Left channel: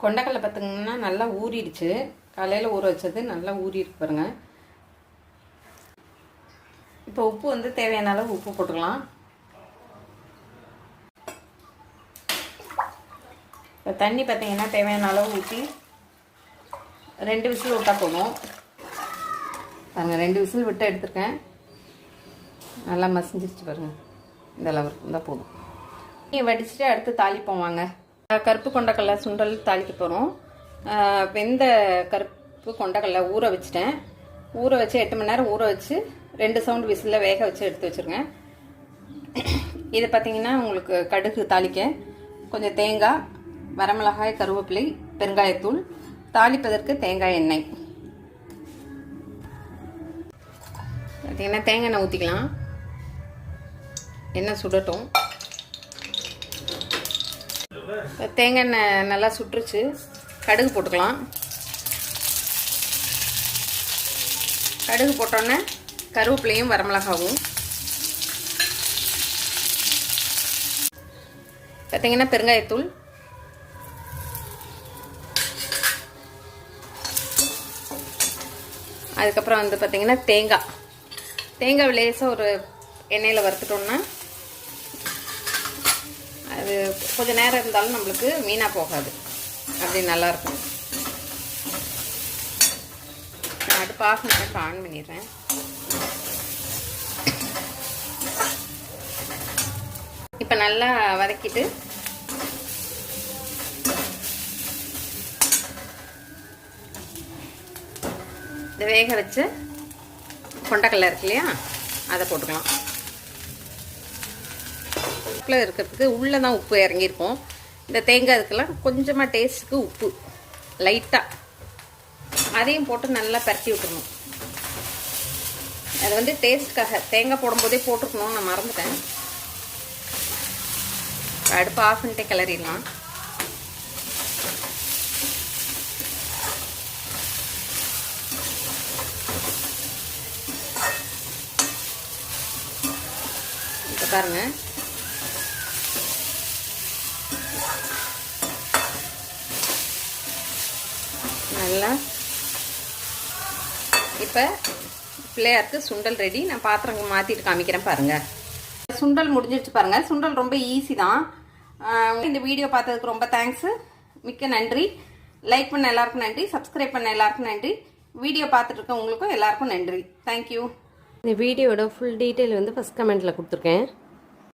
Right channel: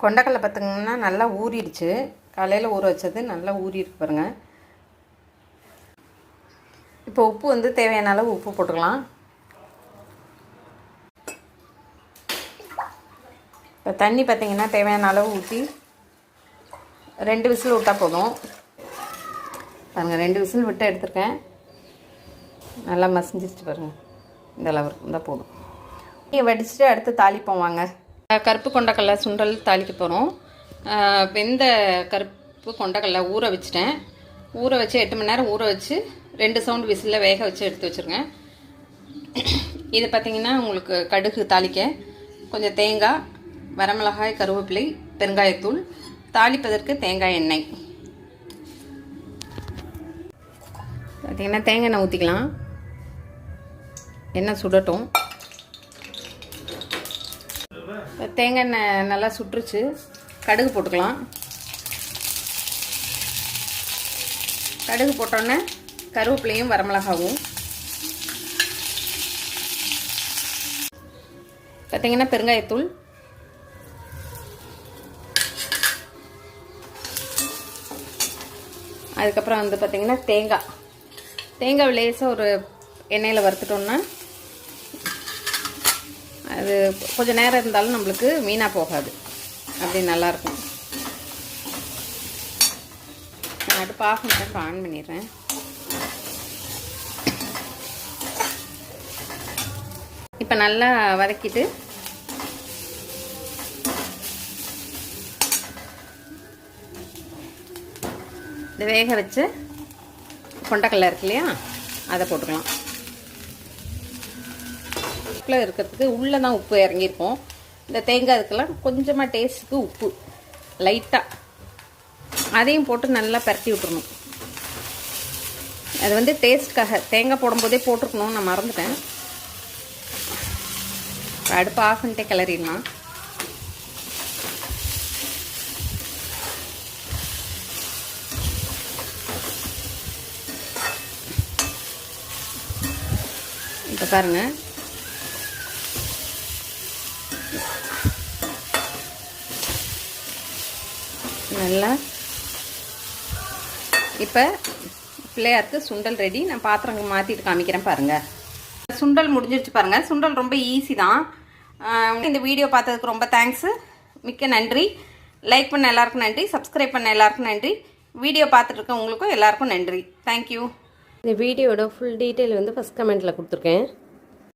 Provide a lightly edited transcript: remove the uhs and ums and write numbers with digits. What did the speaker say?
கொண்டக்கடலை பார்த்திங்கன்னா நல்லா ஊறிடுச்சு. காலையில் ஊற வச்சது நல்லா ஊறிருக்கு பாருங்க. இப்போ உப்பு வந்து தேவையான அளவு உப்பு போட்டுக்கலாம். இப்போ தண்ணி பார்த்திங்கன்னா தேவையான அளவு ஊற்றி 2 விசில் விட்டால் போதும். பாருங்கள் 2 விசில் விட்டு எடுத்துருக்கேன். நல்லா மசிஞ்சிச்சு பாருங்கள். இந்த அளவுக்கு இருந்தால் போதும். வடிச்சுட்டு அடுத்து தாளிப்போம் வாங்க. கருப்பு கொண்டக்கடலை சுண்டல் தாளிக்க போகிறோம். வெந்த கருப்பு கொண்டக்கடலை ஊற வச்சுட்டேன். ஊற வச்சு 8 மணி நேரம் ஊற வச்சு 2 சவுண்ட் விசிலில் வேக வச்சு எடுத்து வச்சுருங்க. இது பார்த்திங்கன்னா உங்களுக்கு கடுகு தாளிக்க கொஞ்சம் தேங்காய், வரமிளகாய், கருவேப்பிலை, பெருங்காயத்தூள், தாளிப்பதற்கு தேங்காய் எண்ணெய். பார்த்திங்கன்னா தேங்காய் எண்ணெய் ஊற்றிக்கலாம். எண்ணெய் சுடட்டும். தேங்காய் எண்ணெய் நல்லா சுட்டுருச்சு. கடுகு போட்டுக்கலாம். கடுகு போட்டோன்னே கருவேப்பிலையும் வரமிளகாவும் பார்த்தீங்கன்னா பெருங்காயத்தூள், அதுக்கப்புறம் வந்து பார்த்திங்கன்னா தேங்காய் லேசாக ஒரு எண்ணெயில் வறுத்துட்டோம்னா அது கொஞ்சம் நேரம் இருந்தாலும் நம்மளுக்கு வீணாக போகாது. அப்படி நல்லாயிருக்கும். நான் அது பாசனத்தை ஆன் பண்ணிடுறேன். இப்போ நல்லா வதக்கிட்டு இந்த வேக வச்சு கொண்டக்கடலை இருக்கு இல்லையா, அதை போட்டுக்கலாம். இருக்கிறதுக்கு உள்ளே தான் உப்பு இறங்கியிருக்கும். இந்த தேங்காய் இதுக்கெல்லாம் கொஞ்சமாக டேஸ்ட்டுக்கு உப்பு லைட்டாக அதையும் போட்டு நல்லா பரட்டி விட்டுருணும். அது வந்து டேஸ்ட்காக தேங்காய் போடும்போதே போட்டுருக்கணும், நான் மறந்துட்டேன். அடுப்பு ஆஃப் பண்ணிட்டே கிளறிடலாம். இப்போ பாருங்க, நல்லா இப்போ பிள்ளையாருக்கு சுண்டல் ரெடி. நான் பாத்திரம் மாற்றிட்டு காமிக்கிறேன் பாருங்கள். சுண்டல் முடிஞ்சிருச்சு பாருங்கள். சுண்டல் ரொம்ப ஈஸி தான். இந்த வீடியோ பார்த்ததுக்கு ரொம்ப தேங்க்ஸு, மிக்க நன்றி. லைக் பண்ண எல்லாருக்கும் நன்றி, சப்ஸ்கிரைப் பண்ண எல்லாருக்கும் நன்றி, வீடியோ பார்த்துட்டு இருக்க உங்களுக்கும் எல்லாருக்கும் நன்றி. தேங்க்யூ. இந்த வீடியோட ஃபுல் டீட்டெயில் வந்து ஃபஸ்ட் கமெண்ட்டில் கொடுத்துருக்கேன்.